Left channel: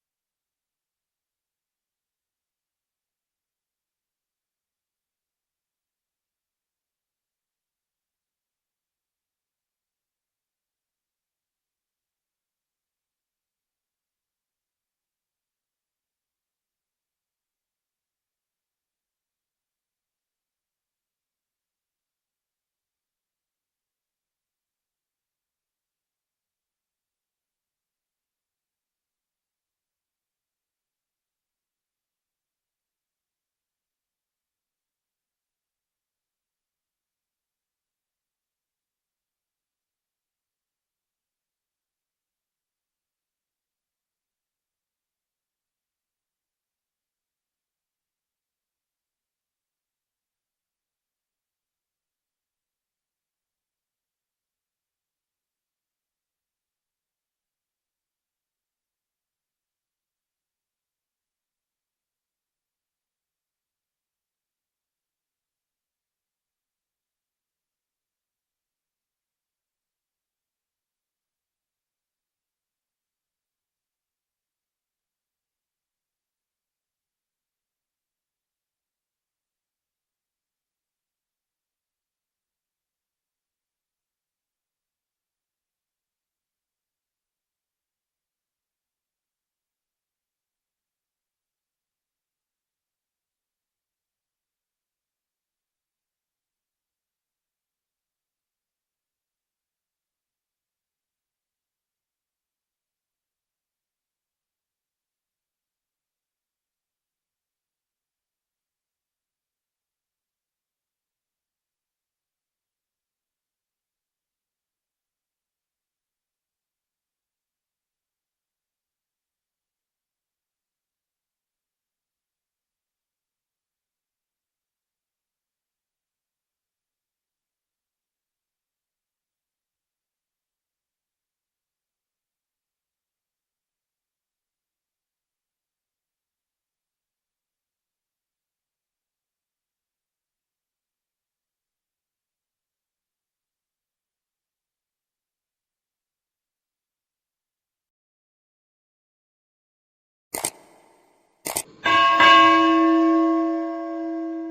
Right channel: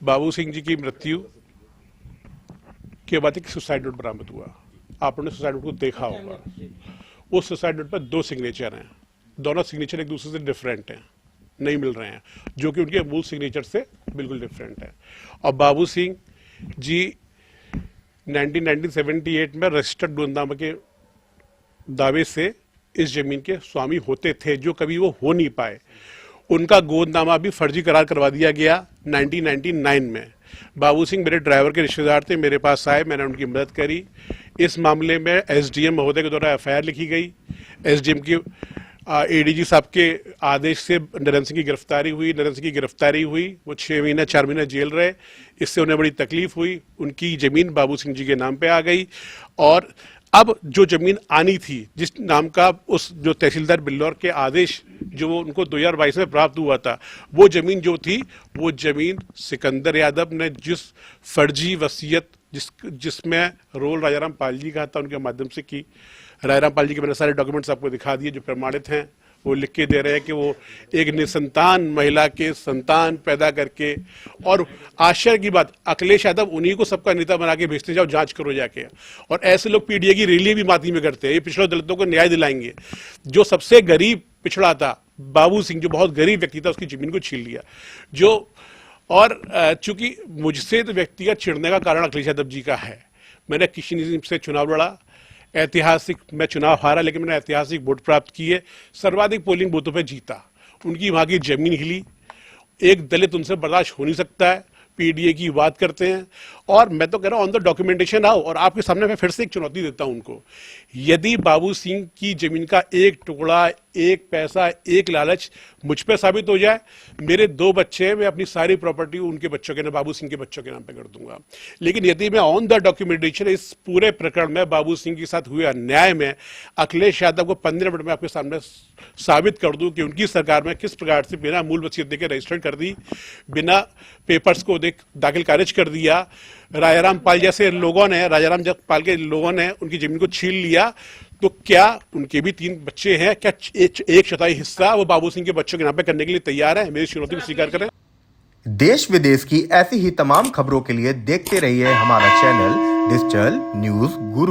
बाबू सिंह जी की मृत्यु के बाद एक सुसाइड नोट बरामद हुआ। आपने सुसाइड नोट को देखा होगा। उस सुसाइड नोट पर 2 सिग्नेचर हैं। दोनों सिग्नेचर एक दूसरे से डिफरेंट हैं, नहीं मिल रहे हैं, जो कि उनके मूल सिग्नेचर से बिल्कुल डिफरेंट है। और बाबू सिंह जी 1978 में रजिस्टर्ड गोंदामा के दावे से इस जमीन के स्वामी होते थे, जो कभी वो हो नहीं पाए। उनका गोदनामा भी फर्जी करार करवा दिया गया 1999 में। बाबू सिंह मेरे ड्राइवर के रिश्तेदार थे, मेरे पास आए, मैंने उनकी मदद करी। इस मामले में एसडीएम महोदय के द्वारा एफआईआर लिखी गई। एसडीएम की एडीजी साहब के आदेश से नरेंद्र सिंह की गिरफ्तारी हुई। नरेंद्र सिंह की गिरफ्तारी हुई, वो 6 महीने 4 महीने जेल रहे। इससे उन्हें बड़ी तकलीफ हुई। उनकी जमीन बाबू सिंह जी के नाम पे आ गई। और अब जो जमीन आनी थी, जिस नाम का उस जो तहसीलदार बिल्लौर के आदेश जो उनको 2022 में प्राप्त हुआ था, वो जमीन जो थी, वो जमीन सिकंदर यादव ने जिस फर्जी वसीयत जिसमें रोल राजाराम पाल जी का था, उनके माध्यम से की। राजाराम पाल जी के मैंने सारे डॉक्यूमेंट्स आपको दिखा दिए जो प्रमाणित हैं। वो लिख के दे रहे हैं कि वो एक निसंतान महिला के संतान पैदा करके, और आश्चर्य की बात, अखिलेश यादव उन्हीं को सबका नेता बना के भेजते, जाओ जांच करो जाके। और ऐसे लोग पीडीए की रैली भी माती में करते हैं। ये पिछड़े दलितों को न्याय दिलाएंगे। जो सबसे गरीब पिछड़ा था बाबू सिंह, जो बहुत गरीब व्यक्ति था, उसकी जमीन को छीन लिया। जो और चूंकि मुझसे तो व्यक्तिगत चिढ़ने का कारण अखिलेश यादव जी का है। मैंने किसी से चुनाव लड़ा, ऐतिहासिक मैं चुनाव हारा, लेकिन मैंने ऐतिहासिक वोट प्राप्त किए, सर्वाधिक पोलिंग बूथों पे जीता। उनकी वहां की जमीन हिली। एक दलित उनसे बर्दाश्त हो नहीं सकता है। पीडीए की बात करते हैं, और मैं तो कह रहा हूं ऑन द डॉक्यूमेंटेशन आओ। और आपके सामने मैं फिर से एक चुनौती देता हूं उनको। यदि बाबू सिंह की जमीन का एक टुकड़ा, एक पैसा, एक लालच मुझ पे साबित हो जाए, मेरे 2 बच्चे हैं, मैं अपनी सारी प्रॉपर्टी उनके बच्चों के नाम, बाबू सिंह के बच्चों के नाम पे कर दूंगा। लेकिन यदि मैं ऑन द डॉक्यूमेंटेशन इस पूरे प्रकरण में बाबू सिंह के साथ हुए अन्याय में अखिलेश यादव को 15 मिनट में आपके सामने साबित कर दूं कि उनकी सरकार में किस प्रकार से बिना मूल वसीयत देकर रजिस्टर कर दी, बिना पेपर्स को दाखिल खारिज कर दिया, राजाराम पाल जैसे लोगों ने, राजाराम पाल के लोगों ने उनकी जमीन को छीन लिया, तो क्या उनके भी 3 बच्चे हैं, क्या 1/4 हिस्सा वो बाबू सिंह के बच्चों के नाम पे करने के लिए तैयार है? मेरी चुनौती को स्वीकार करें। देश विदेश की ऐसी ही तमाम खबरों के लिए देखते रहिए हमारा चैनल डिजिटल न्यूज गुरु।